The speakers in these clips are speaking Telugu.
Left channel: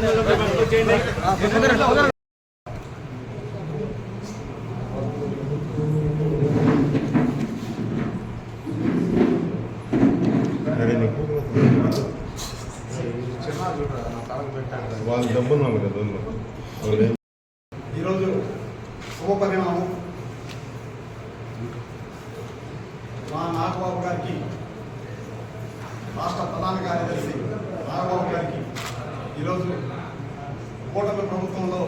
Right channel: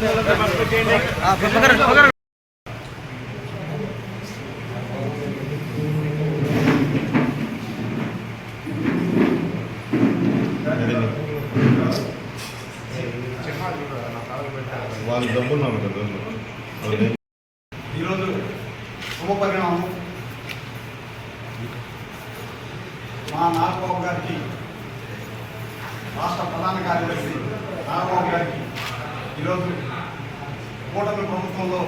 ఈరోజు శుభపరిణామం. మా నాగబాబు గారికి, రాష్ట్ర ప్రధాన కార్యదర్శి నాగబాబు గారికి ఈరోజు కూటమి ప్రభుత్వంలో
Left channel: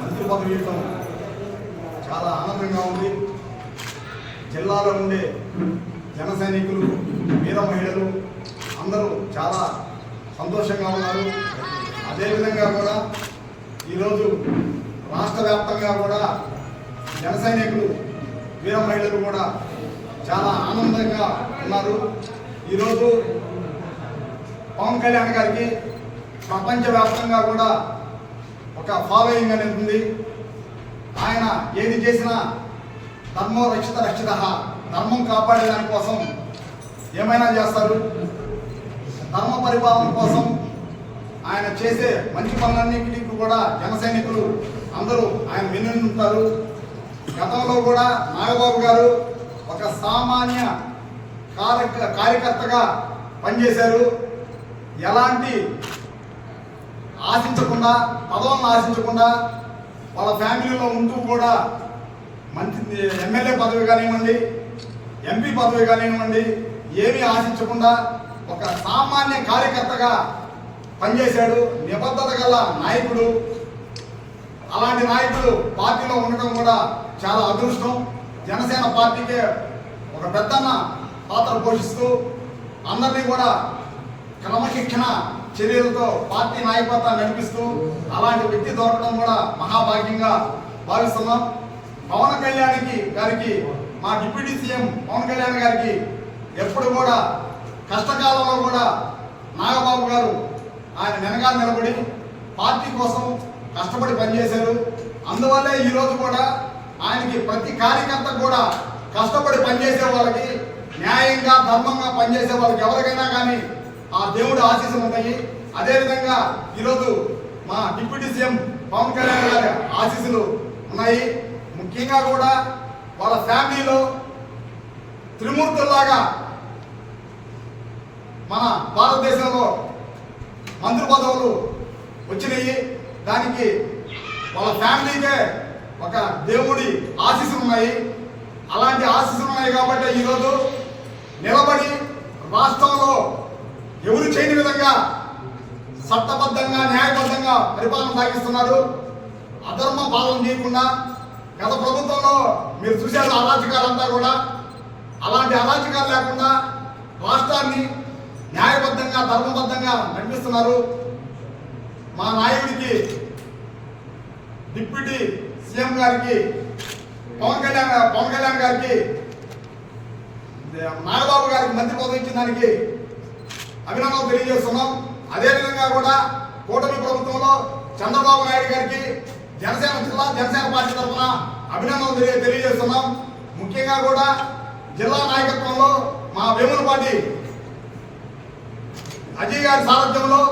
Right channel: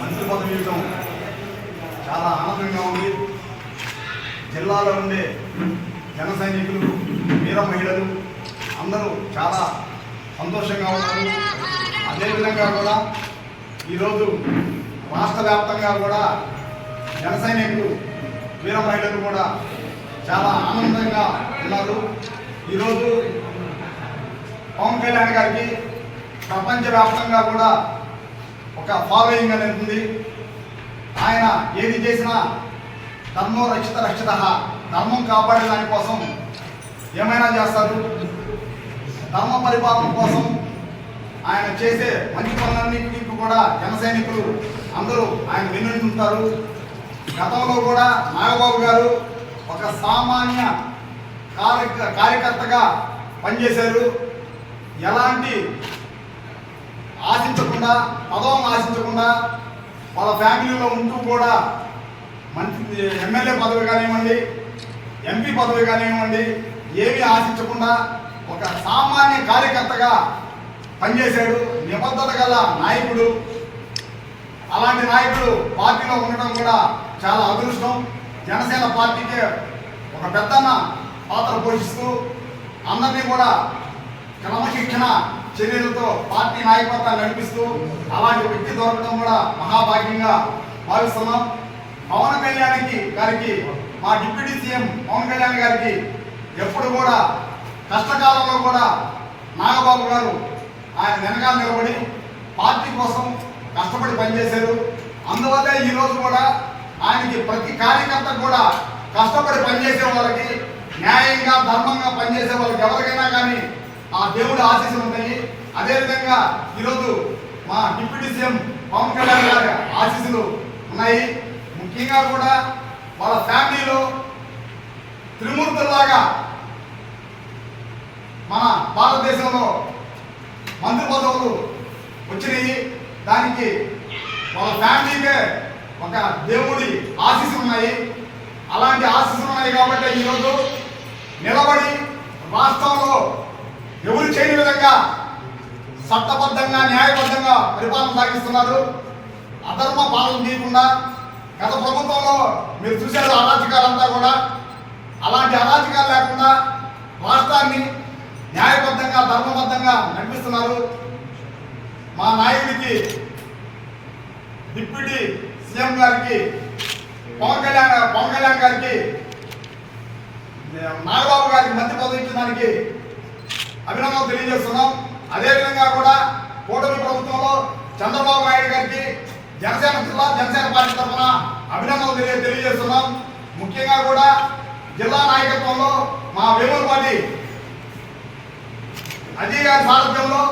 మంత్రి పదవి ఇవ్వడం చాలా ఆనందంగా ఉంది. జిల్లాలో ఉండే జన సైనికులు, వీర మహిళలు అందరూ చాలా సంతోషంగా ఉన్నారు. అదేవిధంగా కూడా ఈరోజు రాష్ట్ర వ్యాప్తంగా కూడా జన సైనికులు, వీర మహిళలు కూడా చాలా ఆనందంగా ఉన్నారు. ఈరోజు పవన్ కళ్యాణ్ గారికి ప్రపంచవ్యాప్తంగా కూడా ఒక ఫాలోయింగ్ అనేది ఉంది. ఆయన ఏది చేసినా ధర్మో రక్షిత రక్షిత, ధర్మం కాపాడే దానికోసం ఏమైనా చేస్తారు. ధర్మ పరిపాలన కోసం ఆయన చేసే మంచి పనులన్నింటికి కూడా జన సైనికులు అందరూ ఆయన వినుంటారు. గతంలో కూడా నాగబాబు గారు ఒక సామాన్య కార్యకర్తగా పనిచేశారు. ఎలాంటి ఆశించకుండా, పదవులను ఆశించకుండా వాళ్ళ ఫ్యామిలీలో ఉంటూ కూడా మంచి ఎమ్మెల్యే పదవి కానివ్వండి, ఎంపీ పదవి కానివ్వండి, ఏమీ ఆశించకుండా ఒక సామాన్య కార్యకర్తగా పనిచేశాడు. నిబద్ధత గల నాయకుడు. అలాంటి నాయకుడు పార్టీలో ఉండడం కూడా చాలా అదృష్టం. జనసేన పార్టీకే ఒక పెద్దన్న పాత్ర పోషిస్తూ అందరినీ కూడా క్రమశిక్షణ చర్యలతో పార్టీ నాయకత్వాన్ని నడిపిస్తూ అలాంటి వ్యక్తి దొరకడం కూడా మహాభాగ్యంగా భావిస్తున్నాం. పవన్ కళ్యాణ్ గారికి, మా డిప్యూటీ సీఎం పవన్ కళ్యాణ్ గారికి ఎప్పుడు కూడా కష్టకాలంలో కూడా నాగబాబు గారు ఆయన వెనకాల నిలబడి పార్టీ కోసం కష్టపడి పనిచేశారు. అందువల్లే ఈరోజు కూడా ఆయనకి ప్రతి కార్యకర్త కూడా కష్టపడి పనిచేసే వాళ్ళకి, న్యాయంగా ధర్మంగా పనిచేసే వాళ్ళకి ఎవరికైనా కానీ ఆ దేవుడు ఆశీస్సులు ఉంటాయి. అదేవిధంగా ఈరోజు మా డిప్యూటీ సీఎం పవన్ కళ్యాణ్ గారి ఆశీస్సులు ఉన్నాయి. ముఖ్యంగా కూడా వాళ్ళ ఫ్యామిలీలో త్రిమూర్తుల్లాగా మన భారతదేశంలో మంత్రి పదవులు వచ్చినాయి. దానికి వాళ్ళ ఫ్యామిలీకే ఒక దేవుడి ఆశీస్సులు ఉన్నాయి. అలాంటి ఆశీస్సులు ఉన్నాయి కాబట్టి ఈరోజు నిలబడి రాష్ట్రంలో ఎవరు చేయని విధంగా చట్టబద్ధంగా, న్యాయబద్ధంగా పరిపాలన సాగిస్తున్నారు. అధర్మ పాలన చేయకుండా. గత ప్రభుత్వంలో మీరు చూశారు అరాచకాలంతా కూడా. అలాంటి అరాచకాలు లేకుండా రాష్ట్రాన్ని న్యాయబద్ధంగా, ధర్మబద్ధంగా నడిపిస్తున్నారు. మా నాయకుడికి, డిప్యూటీ సీఎం గారికి, పవన్ కళ్యాణ్ గారికి, నాగబాబు గారికి మంత్రి పదవి ఇచ్చడానికి అభినందనలు తెలియజేస్తున్నాం. అదేవిధంగా కూడా కూటమి ప్రభుత్వంలో చంద్రబాబు నాయుడు గారికి జనసేన పార్టీ తరఫున అభినందనలు తెలియజేస్తున్నాం. ముఖ్యంగా కూడా జిల్లా నాయకత్వంలో మా వేములపాటి అజయ్ గారి సారథ్యంలో,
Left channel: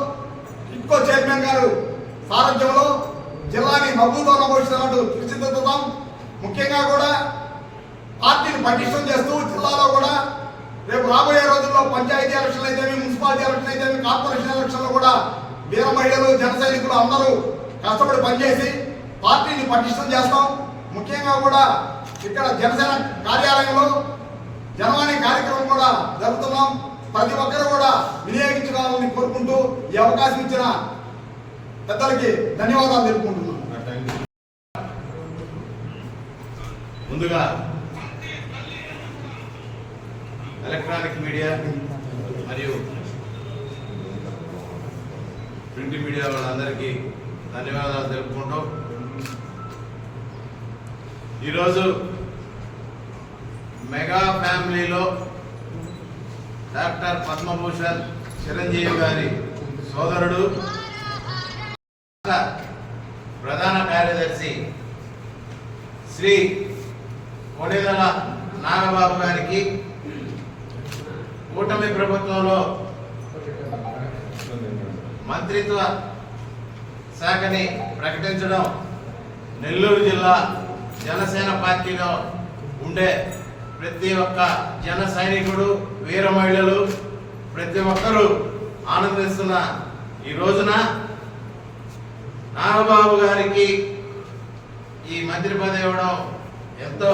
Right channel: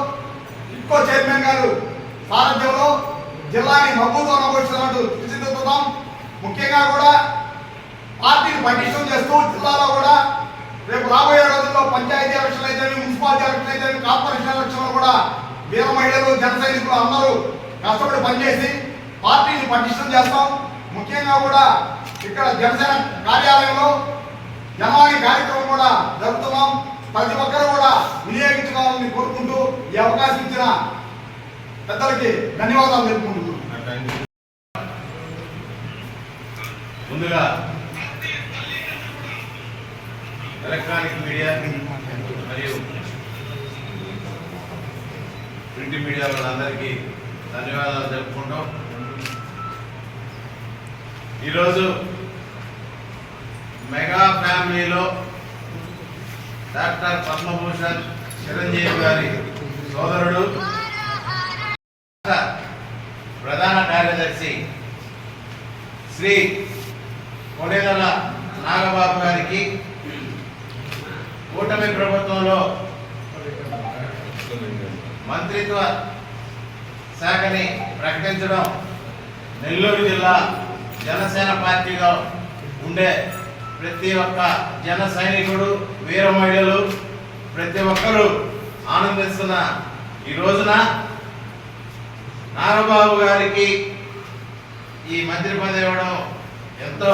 ఇంకో చైర్మన్ గారు సారథ్యంలో జిల్లాని మబ్బుతో నమోదిస్తున్నట్టు తీర్చిదిద్దుతాం. ముఖ్యంగా కూడా పార్టీని పటిష్టం చేస్తూ జిల్లాలో కూడా రేపు రాబోయే రోజుల్లో పంచాయతీ ఎలక్షన్లు అయితే, మున్సిపాలిటీ ఎలక్షన్ అయితే, కార్పొరేషన్ ఎలక్షన్లో కూడా వీర మహిళలు, జన సైనికులు అందరూ కష్టపడి పనిచేసి పార్టీని పటిష్టం చేస్తాం. ముఖ్యంగా కూడా ఇక్కడ జనసేన కార్యాలయంలో జనవాణి కార్యక్రమం కూడా జరుపుతున్నాం. ప్రతి ఒక్కరు కూడా వినియోగించుకోవాలని కోరుకుంటూ ఈ అవకాశం ఇచ్చిన పెద్దలకి ధన్యవాదాలు తెలుపుకుంటున్నాం. ముందుగా ఎలక్ట్రానిక్ మీడియా మరియు ప్రింట్ మీడియా వాళ్ళందరికీ ధన్యవాదాలు తెలుపుకుంటాం. ఈరోజు మెగా ఫ్యామిలీలో డాక్టర్ పద్మభూషణ్ చిరంజీవి గారి సోదరుడు, ప్రధాన కార్యదర్శి శ్రీ కొడెదల నాగబాబు గారికి కూటమి ప్రభుత్వంలో మంత్రిత్వ శాఖని ప్రకటించడం నెల్లూరు జిల్లా జనసేన పార్టీగా ఉండే ప్రతి ఒక్క జన సైనికుడు, వీర మహిళలు ప్రతి ఒక్కరూ ఆనందిస్తున్న ఈ రోజున నాగబాబు గారికి ఈ మంత్రి పదవి ఇవ్వడం ఎంతో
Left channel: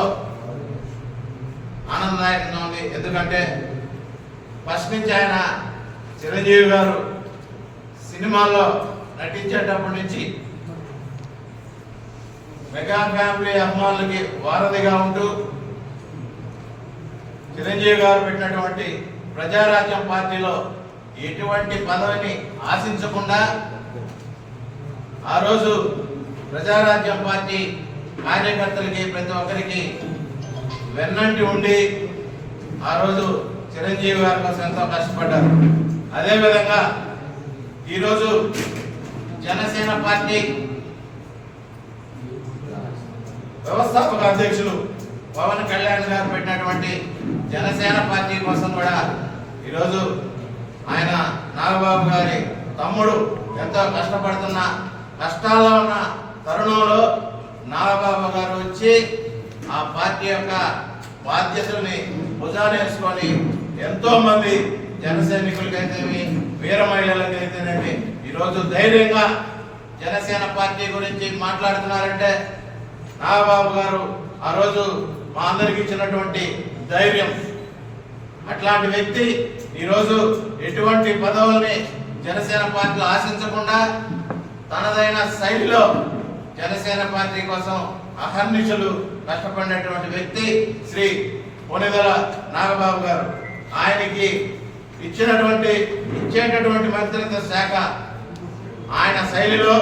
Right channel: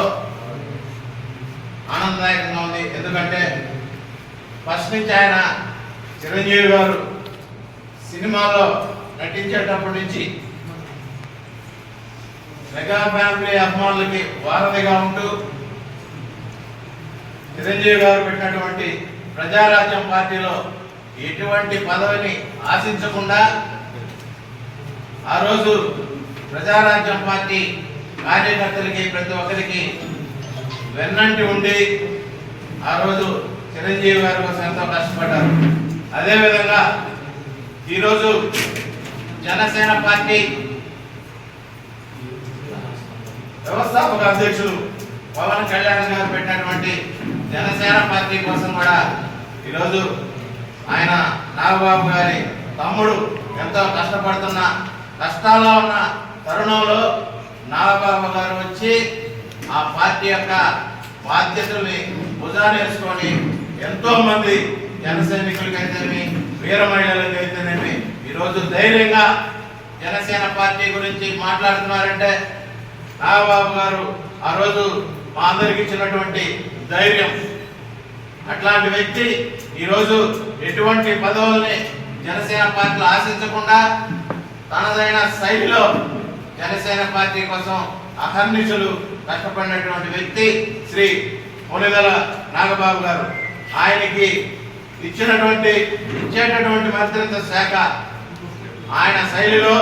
ఆనందదాయకంగా ఉంది. ఎందుకంటే ఫస్ట్ నుంచి ఆయన చిరంజీవి గారు సినిమాల్లో నటించేటప్పటి నుంచి మెగా ఫ్యామిలీ అభిమానులకి వారధిగా ఉంటూ చిరంజీవి గారు పెట్టినటువంటి ప్రజారాజ్యం పార్టీలో ఎటువంటి పదవిని ఆశించకుండా ఆ రోజు ప్రజారాజ్యం పార్టీ కార్యకర్తలకి ప్రతి ఒక్కరికి వెన్నంటి ఉండి ఆ రోజు చిరంజీవి గారి కోసం ఎంతో కష్టపడ్డారు. అదేవిధంగా ఈరోజు జనసేన పార్టీ వ్యవస్థాపక అధ్యక్షులు పవన్ కళ్యాణ్ గారు పెట్టినటువంటి జనసేన పార్టీ కోసం కూడా ఈరోజు ఆయన నాగబాబు గారి తమ్ముడు ఎంతో కష్టపడుతున్న కష్టాల్లో ఉన్న తరుణంలో నాగబాబు గారు వచ్చి ఆ పార్టీ యొక్క బాధ్యతల్ని భుజానేసుకొని ఎంతో మంది జన సైనికులకైతేనేమి, వీర మహిళలకైతేనేమి ఈరోజు ధైర్యంగా జనసేన పార్టీ గురించి మాట్లాడుతున్నారంటే నాగబాబు గారు ఆ రోజు మా అందరికి ఇచ్చినటువంటి ధైర్యం. అట్లాంటి వ్యక్తి ఈరోజు ఎటువంటి పదవుల్ని జనసేన పార్టీలో ఆశించకుండా తనదైన శైలిలో జనసేన పార్టీ కోసం అహర్నిశలు కష్టపడినటువంటి వ్యక్తి శ్రీ కొణిదెల నాగబాబు గారు. ఆయనకి ఇచ్చేటటువంటి మంత్రిత్వ శాఖ ఆయన శైలిలో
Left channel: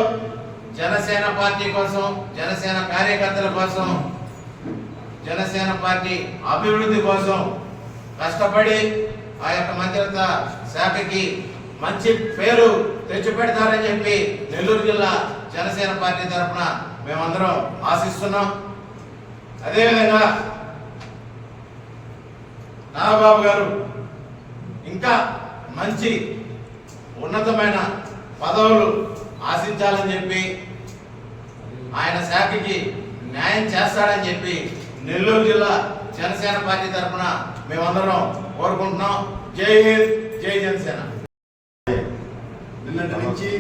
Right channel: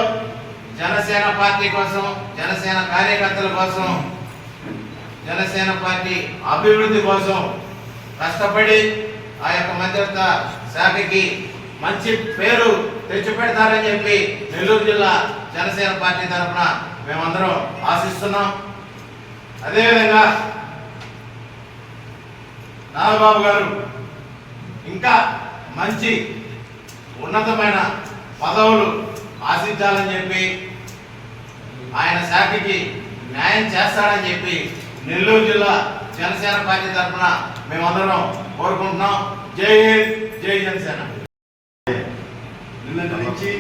జనసేన పార్టీ కోసం, జనసేన కార్యకర్తల కోసం, జనసేన పార్టీ అభివృద్ధి కోసం కష్టపడి ఆ యొక్క మంత్రిత్వ శాఖకి మంచి పేరు తెచ్చిపెడతారని చెప్పి నెల్లూరు జిల్లా జనసేన పార్టీ తరఫున మేమందరం ఆశిస్తున్నాం. అదేవిధంగా నాగబాబు గారు ఇంకా మంచి ఉన్నతమైన పదవులు ఆశించాలని చెప్పి ఆయన శాఖకి న్యాయం చేస్తాడని చెప్పి నెల్లూరు జిల్లా జనసేన పార్టీ తరఫున మేమందరం కోరుకుంటున్నాం. జై హింద్, జై జనసేన. నిన్నటి నుంచి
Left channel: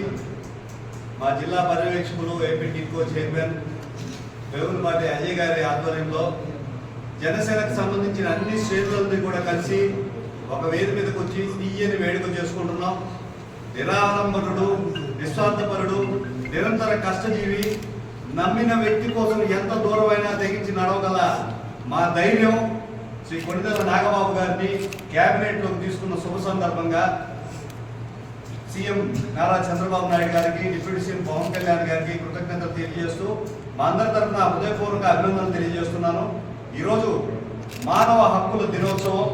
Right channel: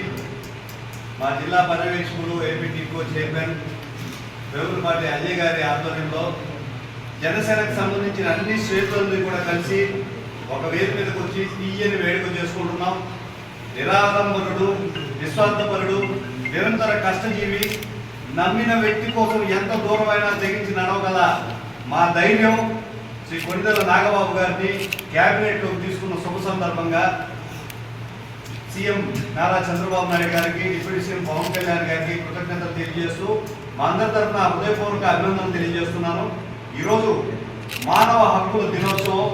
మా జిల్లా పర్యవేక్షకులు ఏపీ టీకో చైర్మన్ వేగులపాటి అజయ్ గారి ఆధ్వర్యంలో జనసేనకు సంబంధించిన అన్ని శ్రేణులని కూడా కలిసి ఒక వేది మీదకి వచ్చి తీయని వేడుక చేసుకుంటున్నాం. నిరాడంబరుడు, నిస్వార్థపరుడు, నిరంతర కష్టజీవి, నమ్మిన వ్యక్తి కోసం ఎంత దూరమైనా తెగించి నడవగల మా ధైర్యం శ్రీ కొణిదెల నాగబాబు గారిని క్యాబినెట్లోకి తీసుకున్న శుభ సందర్భంగా సీఎం నారా చంద్రబాబు నాయుడు గారికి, డిప్యూటీ సీఎం పవన్ కళ్యాణ్ గారికి కృతజ్ఞతలు తెలియజేస్తూ మా అందరి తరఫున హృదయపూర్వక అభినందనలు తెలియజేస్తున్నాను. ఈరోజు మానవ హక్కుల దినోత్సవం,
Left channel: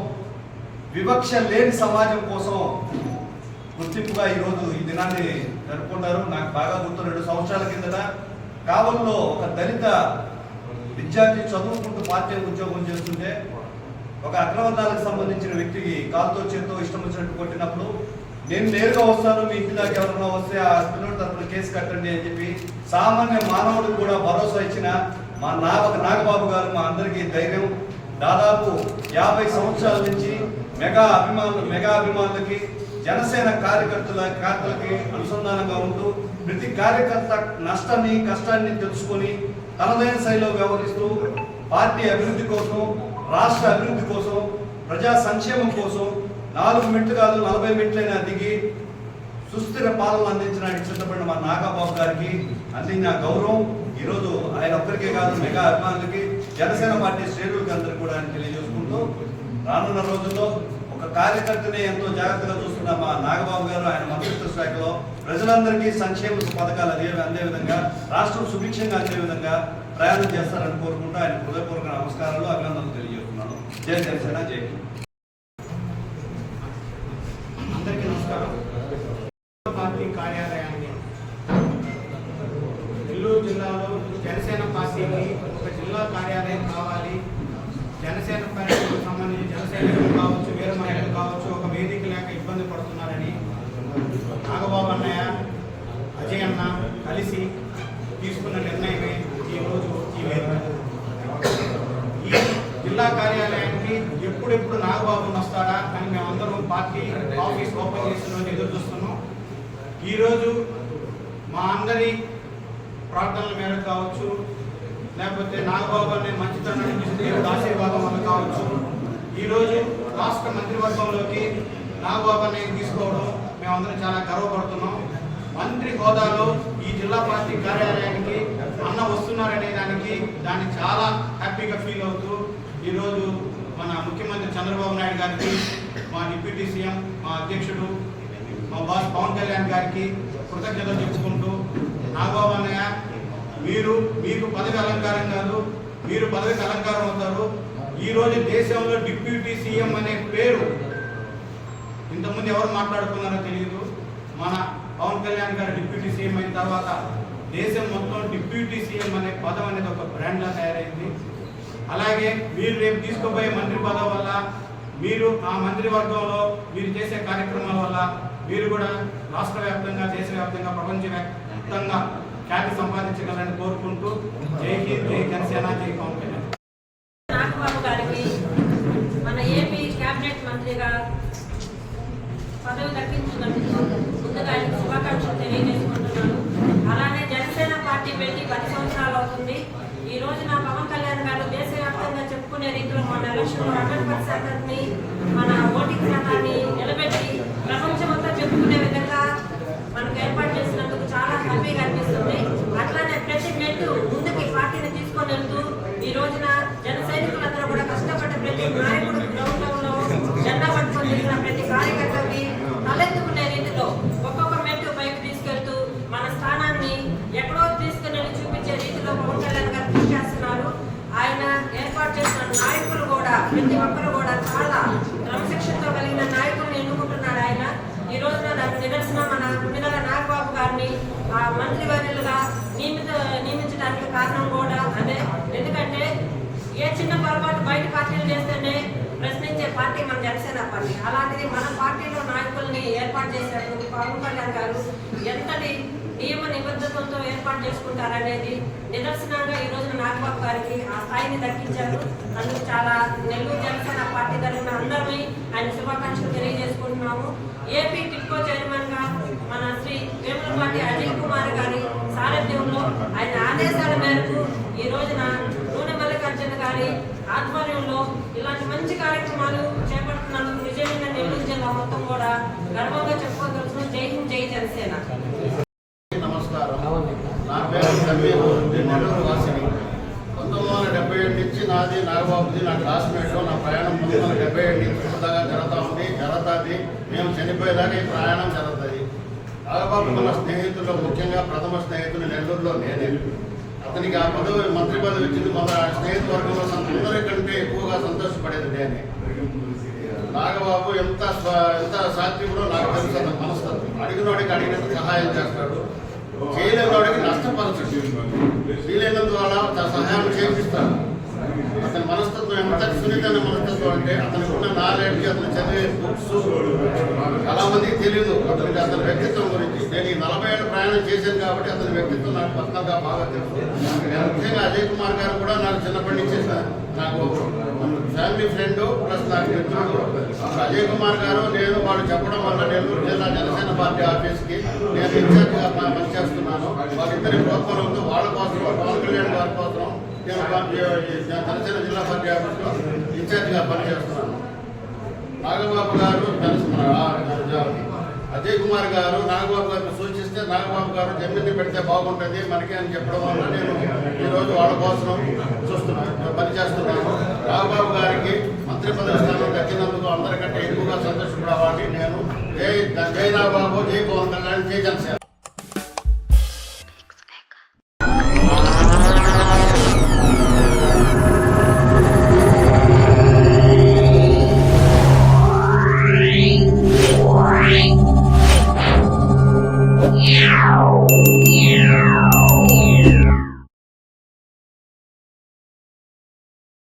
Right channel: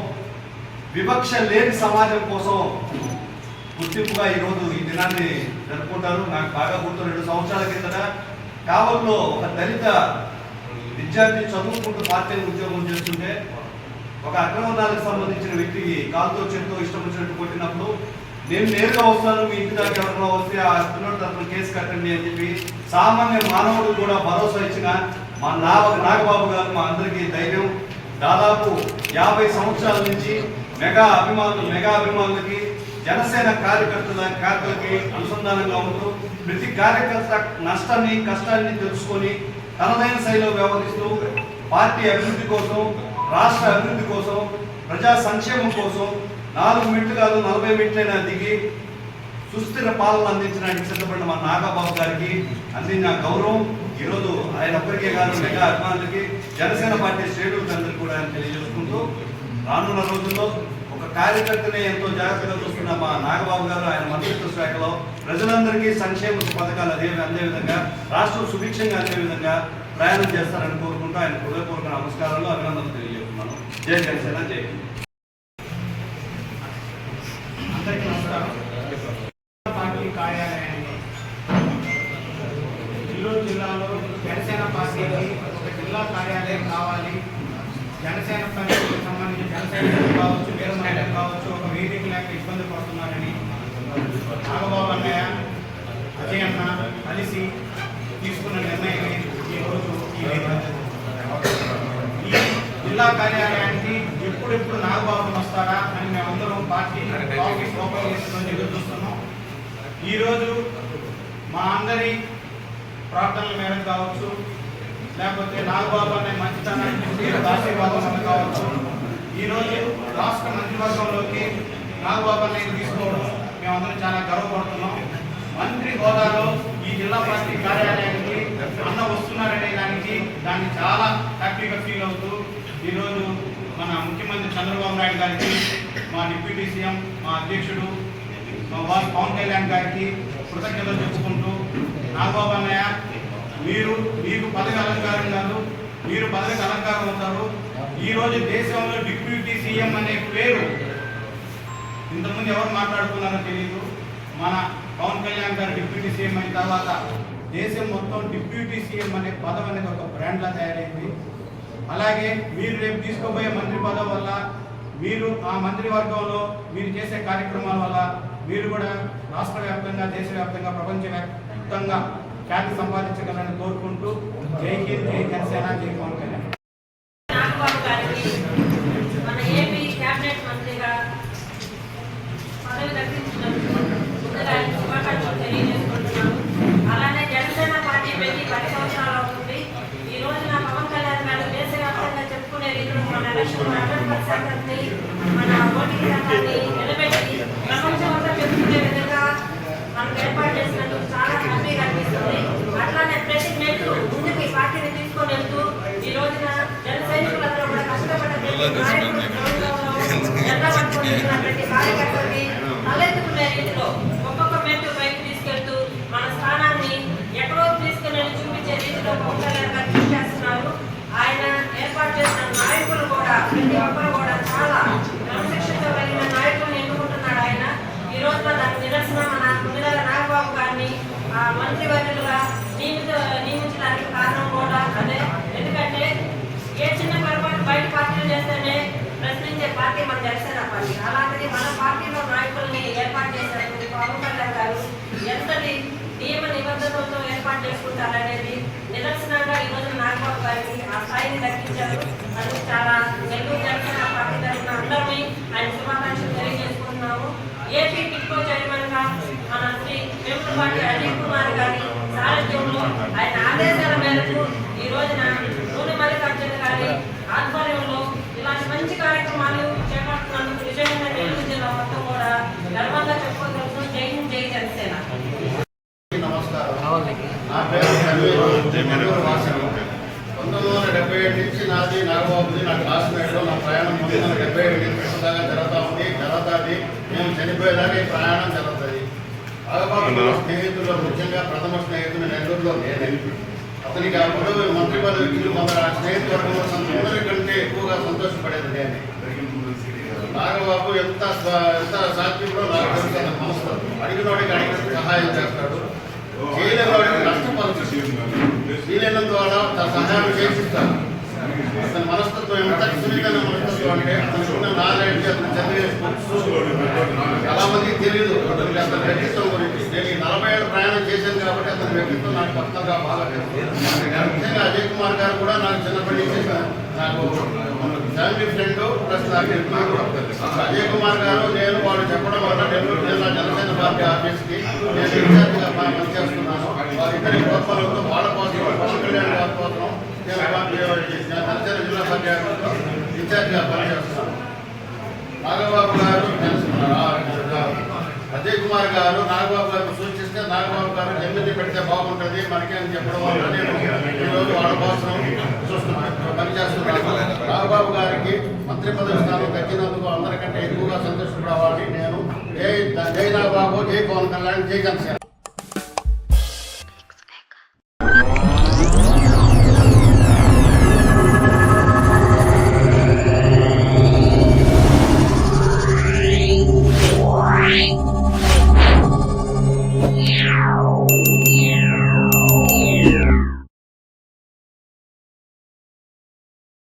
వివక్ష లేని సమాజం కోసం గుర్తింపుగా ఈరోజు ఈ దినాన్ని జరుపుకుంటారు. నాకు బాగా గుర్తు 2 సంవత్సరాల కిందట కావల్లో ఒక దళిత విద్యార్థి చదువుకుంటూ పార్టీ ఉద్యోగం చేస్తుంటే ఒక అగ్రవర్ణాలకు సంబంధించిన వ్యక్తికి కాలుతో చేతితో ఇష్టం వచ్చినట్టు కొట్టినప్పుడు నేను నేరుగా వస్తాను, మీ ఇంటి దాకా ఎవరైనా వస్తే ఆ పిల్లల తరఫున కేసు కట్టండి అని చెప్పి సామాన్య మానవుడు కూడా భరోసా ఇచ్చిన మా నాగబాబు గారు మా అందరికీ ధైర్యం. దాదాపు 50 సంవత్సరాల నుంచి మెగా అభిమానులకి జనసేన కార్యకర్తలకి అనుసంధానంగా ఉంటూ ప్రతి కార్యకర్త నష్టాన్ని కష్టాన్ని తెలుసుకొని తనదైన శైలిలో వ్యవహరిస్తూ పార్టీ అభివృద్ధి కోసం, రాష్ట్ర అభివృద్ధి కోసం, ప్రజా సంక్షేమం కోసం 4 మెట్లు కాదు 40 మెట్లైనా దిగి సుస్థిర పాలన అందించడానికి సిద్ధపడిన మా నాగబాబు గారికి అందిన గౌరవం ఈరోజు ఆయన ఒక్కరికే కాదు మెగా అభిమానులకి, జనసేన పార్టీ శ్రేణులకి అందరికీ కూడా ఆయన తెలియజేసుకుంటూ రానున్న రోజుల్లో ఒక కార్యకర్తనే ఎంతో జాగ్రత్తగా చూస్తున్న మా నాగబాబు గారు ఆయన మంత్రిత్వ శాఖలో ప్రజలందరికీ సంక్షేమ పథకాలు అందే విధంగా, రాష్ట్రం సుభిక్షంగా అందే విధంగా ప్రయాణం చేస్తారని కోరుకుంటూ ఆయన హృదయపూర్వక నమస్కారాలు, అభినందనలు తెలియజేస్తున్నాను. జై జనసేన, జై పార్టీ కార్యాలయాన్ని నెల్లూరు జిల్లాలో జనసేన పార్టీకి ఒక జిల్లా కార్యాలయం కావాలి. జనసేన పార్టీకి సంబంధించి జనసైనికులు కావచ్చు, వీర మహిళలు కావచ్చు, ఒక వేదిక లేక ఇబ్బంది పడుతున్నారని నాగబాబు అన్నయ్య, అజయ్ అన్న కలిసి ఈరోజు మా అందరి ప్రార్థనల మేరకు కావచ్చు, లేకపోతే నాగబాబు అనే మంచితనాన్ని ఆశీర్వాదం వల్ల కావచ్చు, ఈరోజు రాష్ట్ర మంత్రివర్గంలోకి నాగబాబు అన్నయ్య తీసుకోవడం మేమందరం చాలా గర్వపడుతున్నాం. మంత్రి హోదాలో ఈ జిల్లా పార్టీ కార్యాలయానికి అన్న వస్తున్నారనే దాన్ని చాలా హ్యాపీగా ఫీల్ అవుతూ ఈరోజు మన ముఖ్యమంత్రి చంద్రబాబు నాయుడు గారికి, మా డిప్యూటీ సీఎం, మా అధ్యక్షుడు, మా బాస్ పవన్ కళ్యాణ్ గారికి కృతజ్ఞతలు చెప్పుకుంటూ, నాగబాబు అన్నయ్య మీకు పదవి అలంకారం కాదు, మీరు పదవికి అలంకారం అవుతారు. ఈరోజు దేశంలో డిప్యూటీ సీఎం అనే పేరు ఇంతకుముందు ఎవరు మాట్లాడుతున్నారో తెలియదు. మన పవన్ కళ్యాణ్ గారు డిప్యూటీ సీఎం అయిన తర్వాత దేశం మొత్తం డిప్యూటీ సీఎం అనే పదవి అనేది ఒక బ్రాండ్లా తయారైంది. అలాగే మీరు రేపు తీసుకోబోయే మంత్రి పదవి వల్ల, మీరు ఆ మంత్రివర్గంలో మీరు చేసే కార్యక్రమాల వల్ల మీరు కూడా రాష్ట్ర వ్యాప్తంగా, దేశవ్యాప్తంగా, ప్రపంచవ్యాప్తంగా ఖ్యాతి సంపాదించగలని కోరుకుంటూ జై హింద్, జై జనసేన, జై పవన్ కళ్యాణ్. నాగబాబు గారికి మన ఏపీ క్యాబినెట్ మంత్రిగా పదవి దక్కించినందుకు ముందుగా శుభాకాంక్షలు తెలియజేసుకుంటున్నాను. అలానే జనసేన పార్టీ పెట్టి 10 సంవత్సరాలు అవుతుంది. ఈ రోజున పవన్ కళ్యాణ్ గారు దేశవ్యాప్తంగా చెప్పుకునే రీతిలో మన ఎలక్షన్ అంబేద్కర్ శాఖని, మన ఓటింగ్ శాఖని నిలబెట్టి ప్రపంచమంతా చెప్పుకునే విధంగా మనం ఏర్పాటు చేసినందుకు చాలా హ్యాపీగా అనిపిస్తుంది. అట్లానే ప్రతి మెట్టు ముందుకి పార్టీని తీసుకొని వెళ్తూ ఈ రోజున జన సైనికులందరూ కూడా కష్టపడ్డ ప్రతి నాయకుడు జెండా పట్టుకొని వెళ్తున్న ప్రతి కార్యకర్తకి తలెత్తుకునే రీతిలో ఒక్కొక్క మెట్టు పైకి తీసుకెళ్తూ మన స్థానాన్ని ఎక్కడో తీసుకుని చూపించే రీతిలో పవన్ కళ్యాణ్ గారు కృషి చేస్తున్నారు. ఆయన ఏర్పాటు చేసిన నాయకులు కూడా ప్రతి ఒక్కరు కూడా చాలా క్రమశిక్షణతో కలిగిన నాయకులను ఎన్నుకుంటున్నాడు ఆయన. ఈ రోజున దానికి నిదర్శనం మన ముందుగా నాగబాబు గారిని మంత్రివర్యులుగా నియమించడానికి కారణం కూడా అదే. ఎందుకంటే ఏ చిన్న పొరపాటు బయట పార్టీలు చేస్తేనే ప్రశ్నించే పార్టీ మన జనసేన పార్టీ. అలాంటిది మన పార్టీలో నాయకుల్ని ఏర్పాటు చేసినటువంటి పవన్ కళ్యాణ్ గారు ఎంతటి నియమ నిబంధనలతో ఏర్పాటు చేసుకుంటారనేది నిదర్శనంగా ఈ రోజు నాగబాబు గారికి ఆ స్థాయిని దక్కించారు. అందుకు చాలా నెల్లూరు జనసేన పార్టీ తరఫున అందరినీ ఆయన శుభాకాంక్షలు తెలియజేసుకుంటున్నాము. ఏపీ టిక్కో చైర్మన్ గా మన శ్రీ వేములపాటి అజయ్ కుమార్ గారి సారథ్యంలో ఆయన ఆదేశాల మేరకు ఈ రోజున నూనె మల్లికార్జున గారి ఆధ్వర్యంలో ఇలాంటి మంచి కార్యక్రమాలు చేపడుతున్నందుకు విజయంగా నెల్లూరు జిల్లా మొత్తం కూడా గర్వంగా చెప్పుకోగలుగుతూ జై హింద్, జై జనసేన. నమస్కారం. నా పేరు 1977 నుంచి నాది నాగబాబుది నా క్లాస్మేట్లో నా ప్రయాణం 1977 నుంచి దాకా జరుగుతుంది. మేము చనిపోయేదాకా ఈ ప్రయాణం జరుగుతుంది. నాగబాబు నా స్నేహితుల్లో ముఖ్యంగా ప్రథమ స్నేహితుడు నెల్లూరులో నేనే. అతనికి ఆ పదవి మంత్రి పదవి ఇచ్చి మన స్నేహితువర్గంలో అందరికంటే ఎక్కువగా సంతోషపడేది నేనే. నాగబాబు ఎంత సాత్వికుడో నాకు తెలుసు. నమస్కారం. అడిగినోడికి అడిగిన సహాయం చేస్తాడు, చేయలేనివాడికి నష్టపరుస్తాడు, చేయలేని ద్వారా సహాయం చేపిస్తాడు. అతని మనస్తత్వం ఎంత సున్నితమైన మనస్తత్వం అంటే అతనుకున్న నాలెడ్జ్, అతను చదివే బుక్స్ చాలా మందికి తెలియదు అతనికి అతని వ్యక్తిత్వం గురించి. నేను ఈ 40 ఏళ్ళ ప్రయాణం చేశాను కాబట్టి అతని వ్యక్తిత్వం నాకు కొత్తగా బాగా తెలుసు. ముఖ్యంగా అజయ్ కుమార్ గారు కూడా నాకు చిన్నప్పటి నుంచి నాకు ఫ్యామిలీ ఫ్రెండ్ ప్లస్ నాకు అజయ్ కుమార్ గారు నేను వాళ్ళు చెప్పడం వల్ల నేను జనసేన పార్టీ ఆఫీస్కి నేను ఇన్ఛార్జ్గా పనిచేస్తున్నాను. వారిద్దరి ప్రోత్సాహంతో వాళ్ళ కోసం, పవన్ కళ్యాణ్ గారి కోసం నేను జనసేన జిల్లా పార్టీ ఆఫీస్లో ఇన్ఛార్జ్గా పనిచేస్తున్నాను. నాగబాబు గారు అజయ్ కుమార్ గారు నాగబాబు గారిని సూచిస్తే నాగబాబు గారు ఎమ్మెల్యే పెడితే బాగుంటుంది మనకి అని చెప్పడం వల్ల నేను ఈరోజు వాళ్ళ కోసం పనిచేస్తున్నాను. నాగబాబు గారికి మంత్రి పదవి స్థానం దక్కినందుకు అందరికంటే ఎక్కువగా సంతోషపడేవాడిని నేను. జై నాగబాబు, జై పవన్ కళ్యాణ్, జై జనసేన.